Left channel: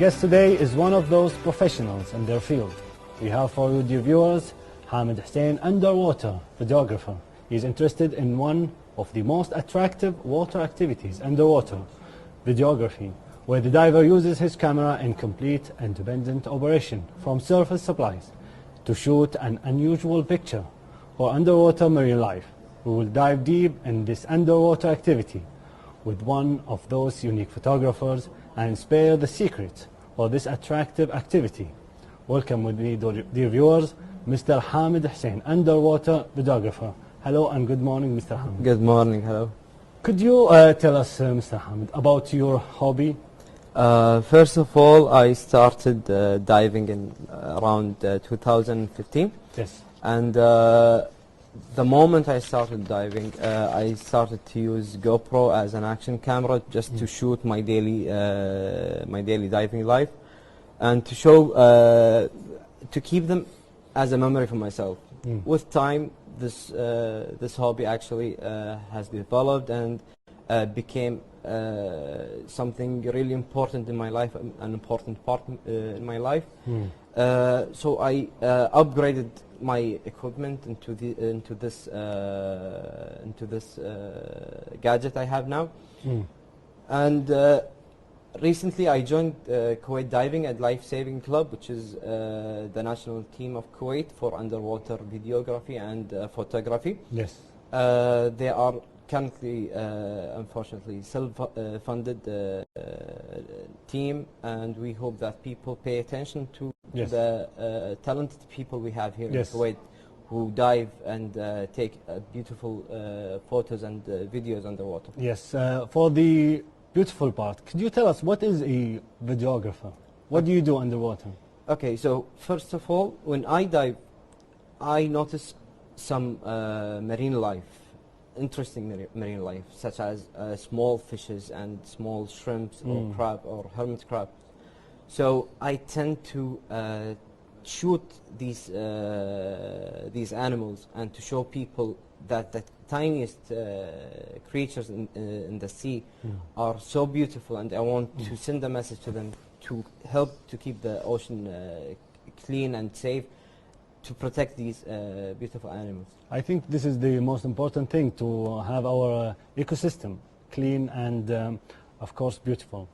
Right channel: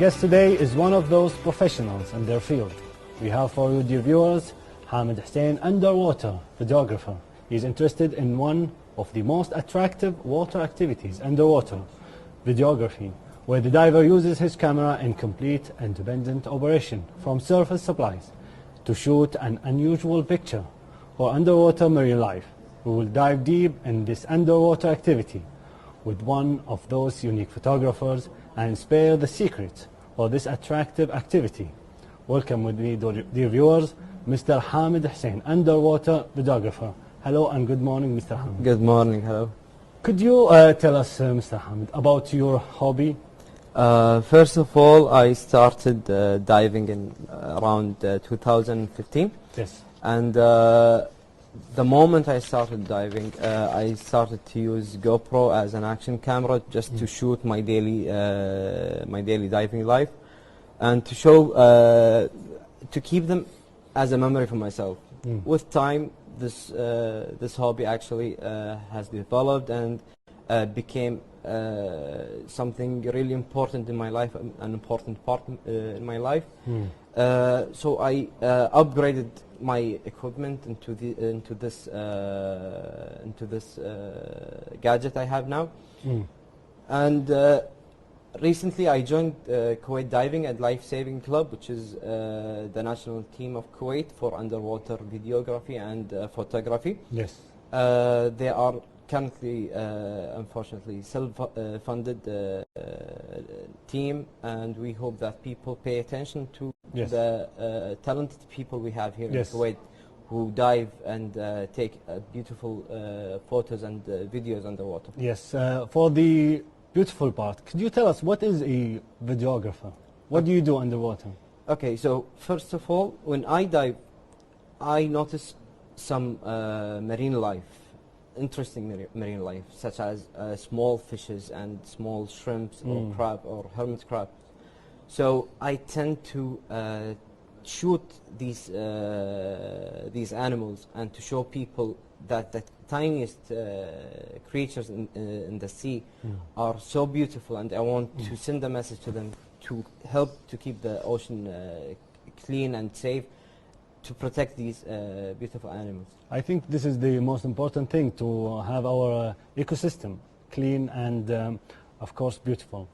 guest today is one of those professionals in their field. We have for you, dear viewers, Hamid Hussein, underwater videographer. He's interested in one of the most attractive water activities, underwater videography, where the diver uses his camera in complete independent operation from surface supplies to shoot an unusual picture for underwater marine life. We will dive deep in this underwater activity with one of those unique photographers and spare the secrets for this attractive activity. Welcome with me, dear viewers, Mr. Hamid Hussein, underwater videographer. Hello and good morning, Mr. Hamid. Good morning, hello. Could you tell us, Mr. Hamid, about your hobby? First of all, I started diving in around 2015. Yes. And the moment I started diving, I started to use GoPro as an action camera just to shoot my daily diving life, and to show, to keep them as a memory for myself. With time, this hobby actually has developed and became something really important in my life, an important part in my life. So I upgraded my equipment into this gadget I have now. And recently I joined Kuwait Diving and Life Saving Club, which is the national team of Kuwait for underwater videography and photography. Yes. They are currently, unfortunately, self-funded team, and we hope that people pay attention to the talented people we have here in Kuwait, who dive and take beautiful photos and videos underwater. Yes, for the beautiful part, could you tell us what is a videographer? What do you do underwater? Okay, so first of all, when I dive, I notice some marine life. Interesting marine life, such as small fishes and small shrimps or crab or hermit crab. So I tend to shoot these animals and to show people that the tiniest creatures in the sea are so beautiful, and I want to send a message to them to help to keep the ocean clean and safe, to protect these beautiful animals. I think this is the most important thing, to have our ecosystem clean and of course beautiful.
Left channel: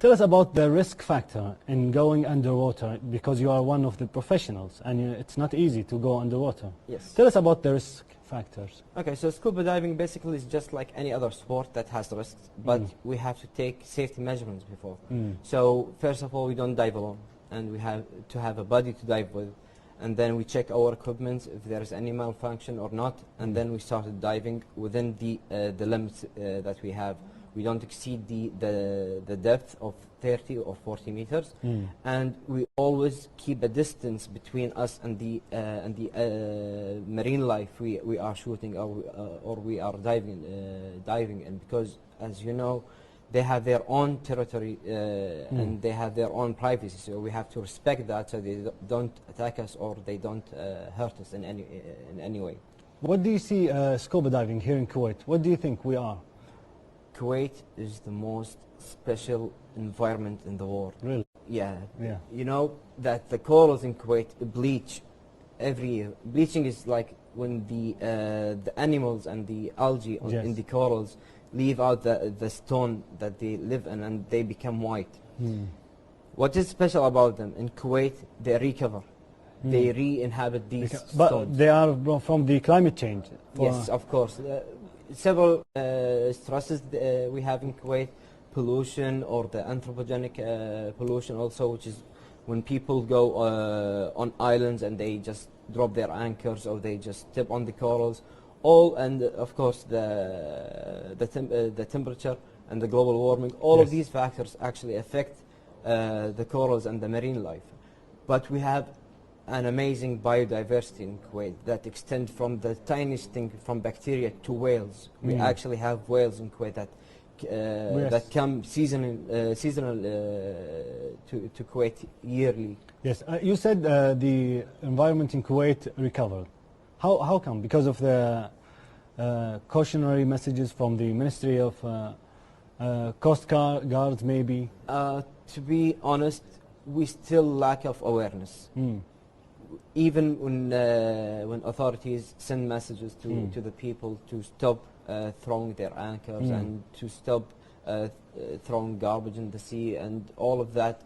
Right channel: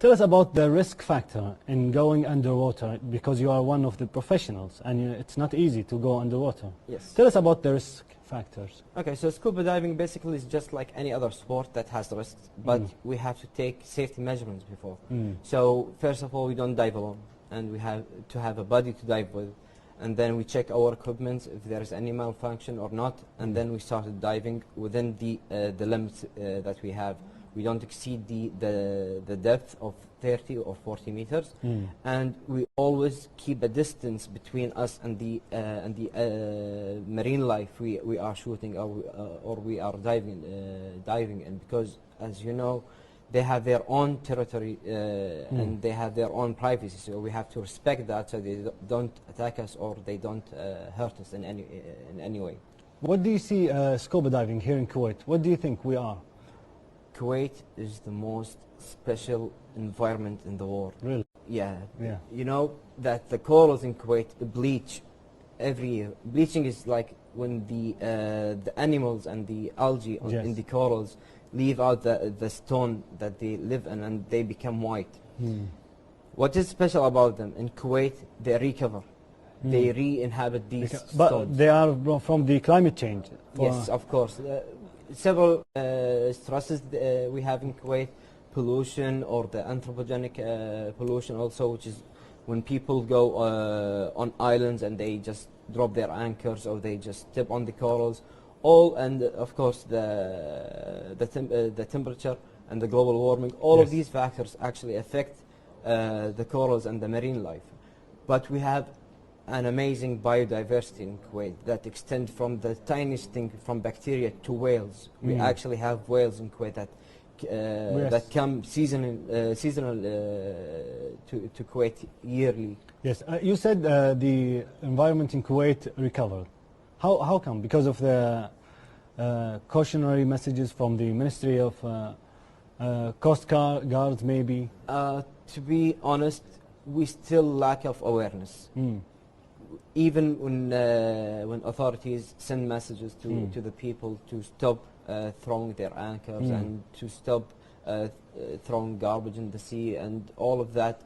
Tell us about the risk factor in going underwater, because you are one of the professionals and it's not easy to go underwater. Yes. Tell us about the risk factors. Okay, so scuba diving basically is just like any other sport that has risks, but we have to take safety measurements before. So first of all, we don't dive alone, and we have to have a buddy to dive with. And then we check our equipment if there is any malfunction or not, and then we started diving within the limits that we have. We don't exceed the depth of 30 or 40 meters, and we always keep a distance between us and the marine life we are shooting or we are diving in, because as you know, they have their own territory and they have their own privacy, so we have to respect that, so they don't attack us or they don't hurt us in any way. What do you see scuba diving here in Kuwait? What do you think we are? Kuwait is the most special environment in the world. Really? Yeah. Yeah. You know that the corals in Kuwait bleach every year. Bleaching is like when the animals and the algae in the corals leave out the stone that they live in, and they become white. What is special about them? In Kuwait, they recover. They re-inhabit these stones. But they are from the climate change. Yes, of course. Several stresses we have in Kuwait, pollution or the anthropogenic pollution also, which is when people go on islands and they just drop their anchors or they just step on the corals. All, and of course the temperature and the global warming, all of these factors actually affect the corals and the marine life. But we have an amazing biodiversity in Kuwait that extends from the tiniest thing, from bacteria to whales. We actually have whales in Kuwait that come seasonal to Kuwait yearly. Yes, you said the environment in Kuwait recovered. How come? Because of the cautionary messages from the Ministry of Coast guards maybe? To be honest, we still lack of awareness. Even when authorities send messages to the people to stop throwing their anchors and to stop throwing garbage in the sea and all of that,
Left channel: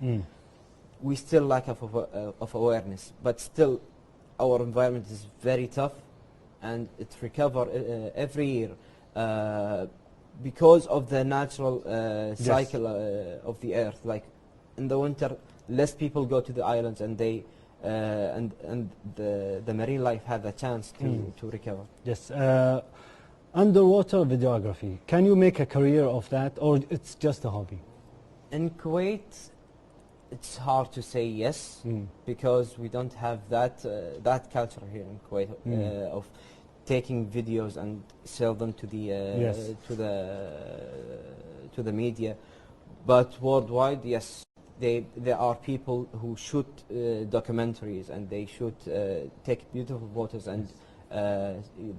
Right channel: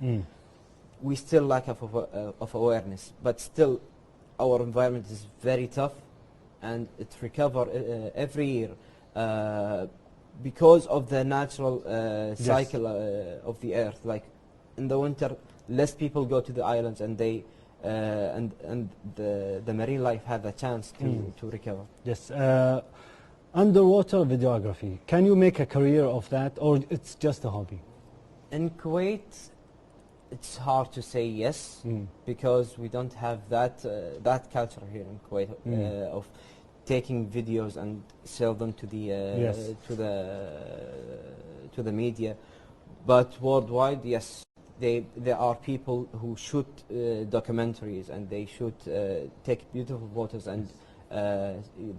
we still lack of awareness. But still, our environment is very tough, and it recovers every year because of the natural cycle of the earth. Like in the winter, less people go to the islands, and they and the marine life had a chance to recover. Yes. Underwater videography. Can you make a career of that, or it's just a hobby? In Kuwait, it's hard to say yes because we don't have that culture here in Kuwait of taking videos and sell them to the to the media. But worldwide, yes, there are people who shoot documentaries, and they shoot take beautiful photos, and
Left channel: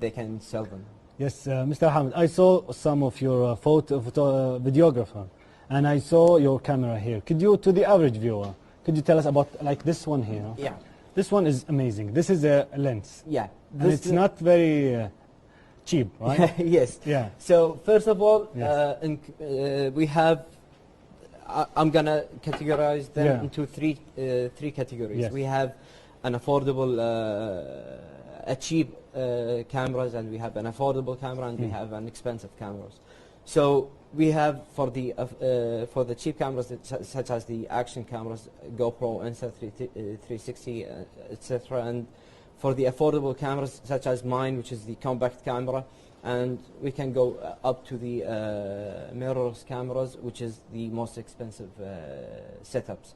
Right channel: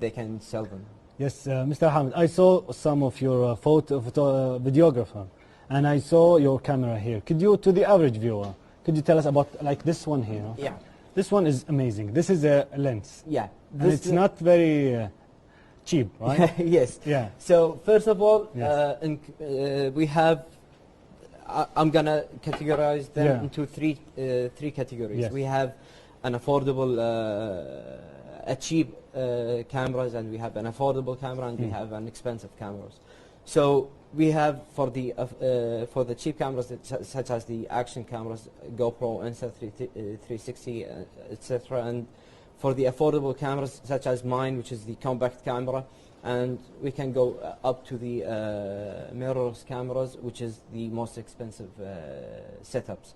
they can sell them. Yes, Mr. Hamid, I saw some of your videographer, and I saw your camera here. Could you, to the average viewer, could you tell us about like this one here? Yeah. This one is amazing. This is a lens. Yeah. And it's not very cheap, right? Yes. Yeah. So first of all, Yes. we have. I'm gonna categorize them into three categories. Yes. We have an affordable, a cheap cameras, and we have an affordable camera, and we have an expensive cameras. So we have for the cheap cameras such as the action cameras, GoPro, Insta360, etc. And for the affordable cameras such as mine, which is the compact camera, and we can go up to the mirrorless cameras, which is the most expensive setups.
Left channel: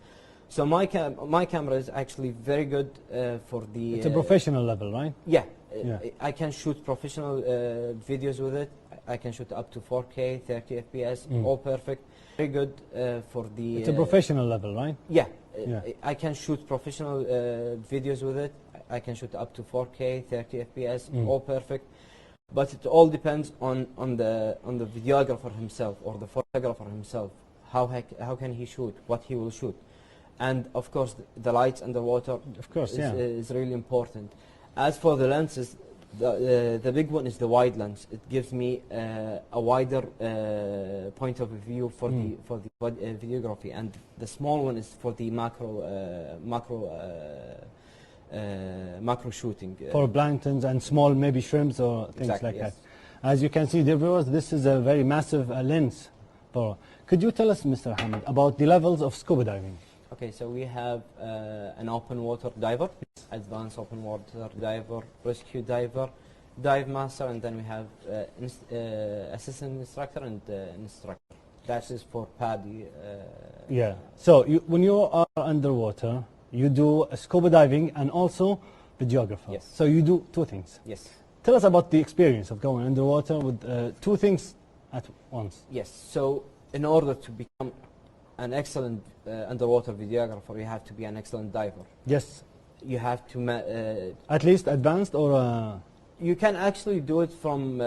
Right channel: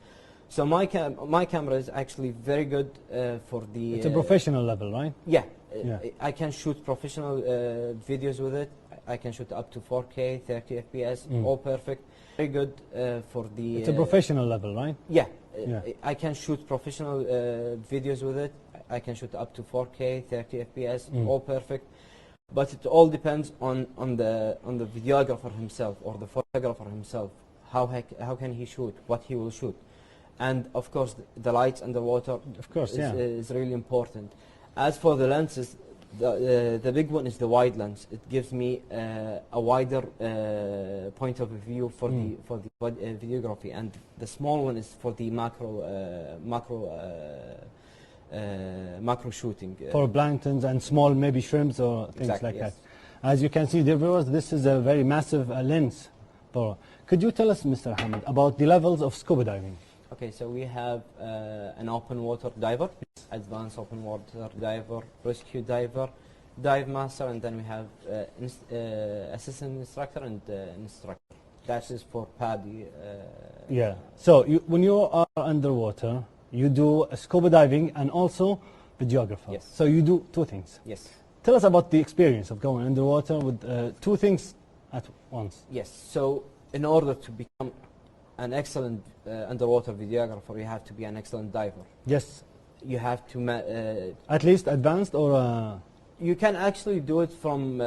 So my camera is actually very good for the. It's a professional level, right? Yeah, I can shoot professional videos with it. I can shoot up to 4K, 30 FPS, all perfect. Very good for the. It's a professional level, right? Yeah, I can shoot professional videos with it. I can shoot up to 4K, 30 FPS, all perfect. But it all depends on the videographer himself or the photographer himself. How can he shoot? What he will shoot, and of course the lights and the water. Of course, is really important. As for the lenses, the big one is the wide lens. It gives me a wider point of view for the videography, and the small one is for the macro shooting. For planktons and small maybe shrimps or things Exactly, like yes. that. As you can see, dear viewers, this is a very massive lens. Could you tell us, Mr. Hamid, about the levels of scuba diving? Okay, so we have an open water diver, advanced open water diver, rescue diver, dive master, and then we have assistant instructor and instructor. That is for PADI. Yeah. So when you are underwater, you do scuba diving and also videographer. Yes. So you do two things. Yes. Tell us about the experience of going underwater with two things at once. Yes. So in order to become an excellent underwater videographer, you have to be an excellent diver. Yes. You have to at least advanced or. You can actually do it from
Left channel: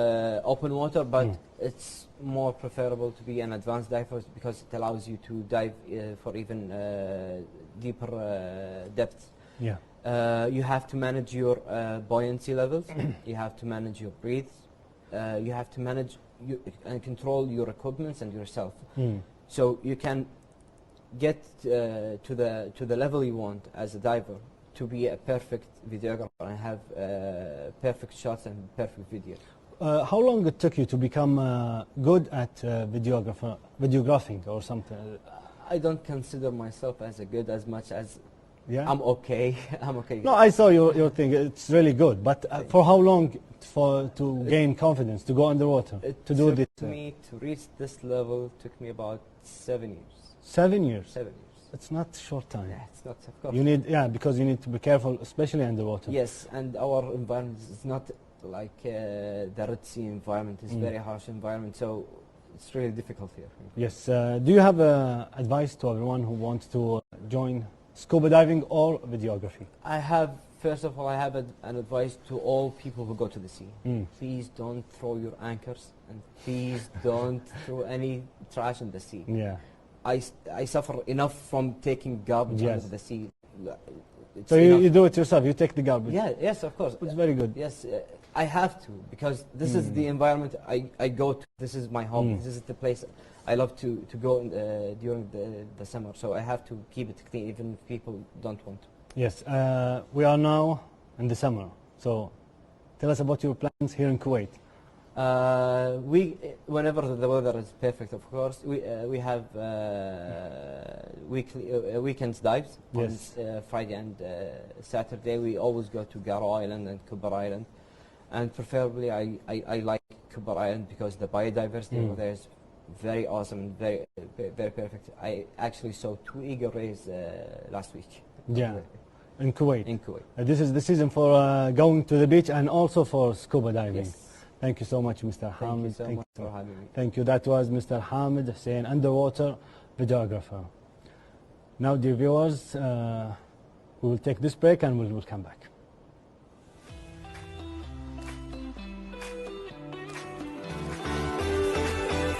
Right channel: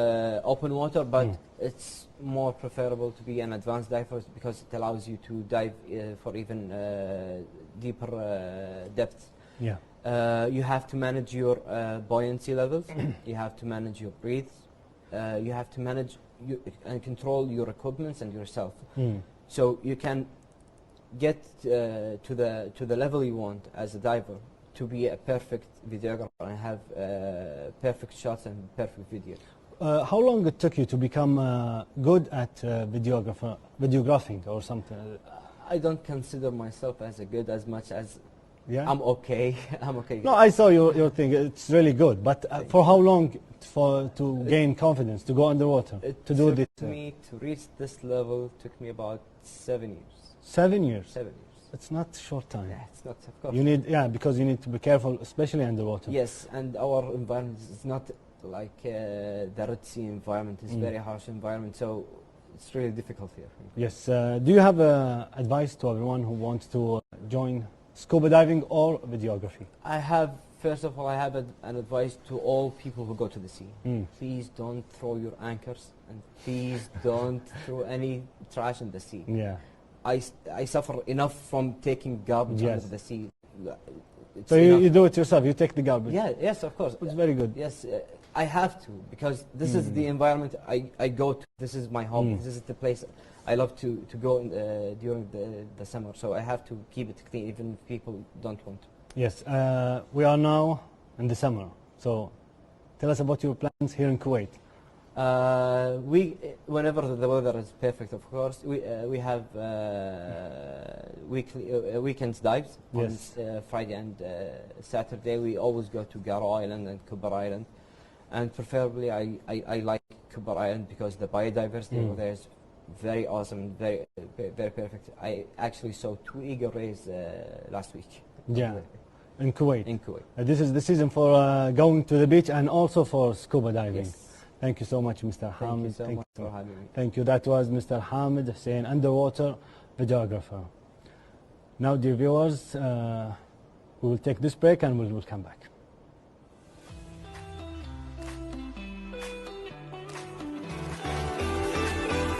open water, but it's more preferable to be an advanced diver because it allows you to dive for even deeper depths. Yeah. You have to manage your buoyancy levels. You have to manage your breath. You have to manage and control your equipment and yourself. So you can get to the level you want as a diver to be a perfect videographer and have perfect shots and perfect video. How long it took you to become good at videographing or something? I don't consider myself as good as much as I'm okay. I'm okay. No, I saw your thing. It's really good. But for how long to gain confidence to go underwater to do this? Me to reach this level took me about 7 years. 7 years. 7 years. It's not short time. It's not, of course. You need, because you need to be careful, especially underwater. Yes, and our environment is not like the Red Sea environment. It's very harsh environment, so it's really difficult here. Yes. Do you have advice to everyone who wants to join scuba diving or videography? I have First of all, I have an advice to all people who go to the sea. Please don't throw your anchors, and please don't throw any trash in the sea. Yeah. I suffer enough from taking garbage Yes. out of the sea. It's So you enough. do it yourself, you take the garbage. Yeah, yes, of course. It's very good. Yes, I have to, because this is the environment I go to. This is my home. This is the place I love to go during the summer. So I have to keep it clean, even if people don't want to. Yes, we are now in the summer. So tell us about your plans here in Kuwait. Whenever the weather is perfect, of course, we have weekends dives. Yes. On Friday and Saturday, we always go to Garo Island and Kubar Island, and preferably I like Kubar Island because the biodiversity over there is very awesome, very perfect. I actually saw 2 eagle rays last week. Yeah, in Kuwait. In Kuwait. This is the season for going to the beach and also for scuba diving. Yes. Thank you so much, Mr. Hamid. Thank you so much for having me. Thank you. That was Mr. Hamid Hussein, underwater videographer. Now, dear viewers, we will take this break and we will come back.